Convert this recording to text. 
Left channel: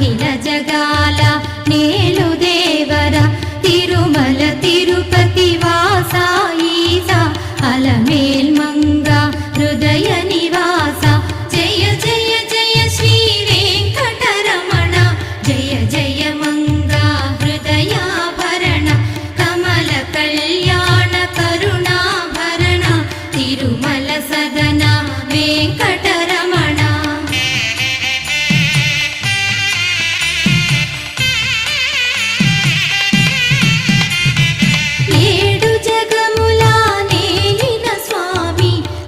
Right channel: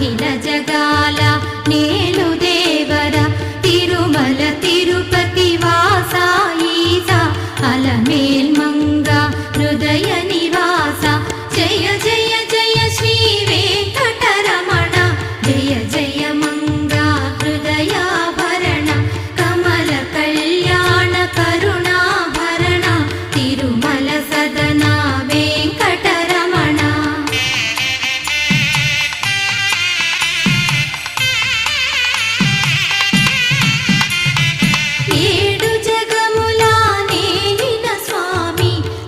అఖిల జగాల నేలు దేవర తిరుమల తిరుపతి వాస ఈసా అలమేల్ మంగ హృదయ నివాస జయ జయ జయ శ్రీ వెంకటరమణ జయ జయ మంగ హృదయాభరణ కమల కళ్యాణ కరుణాభరణ తిరుమల సదన వెంకట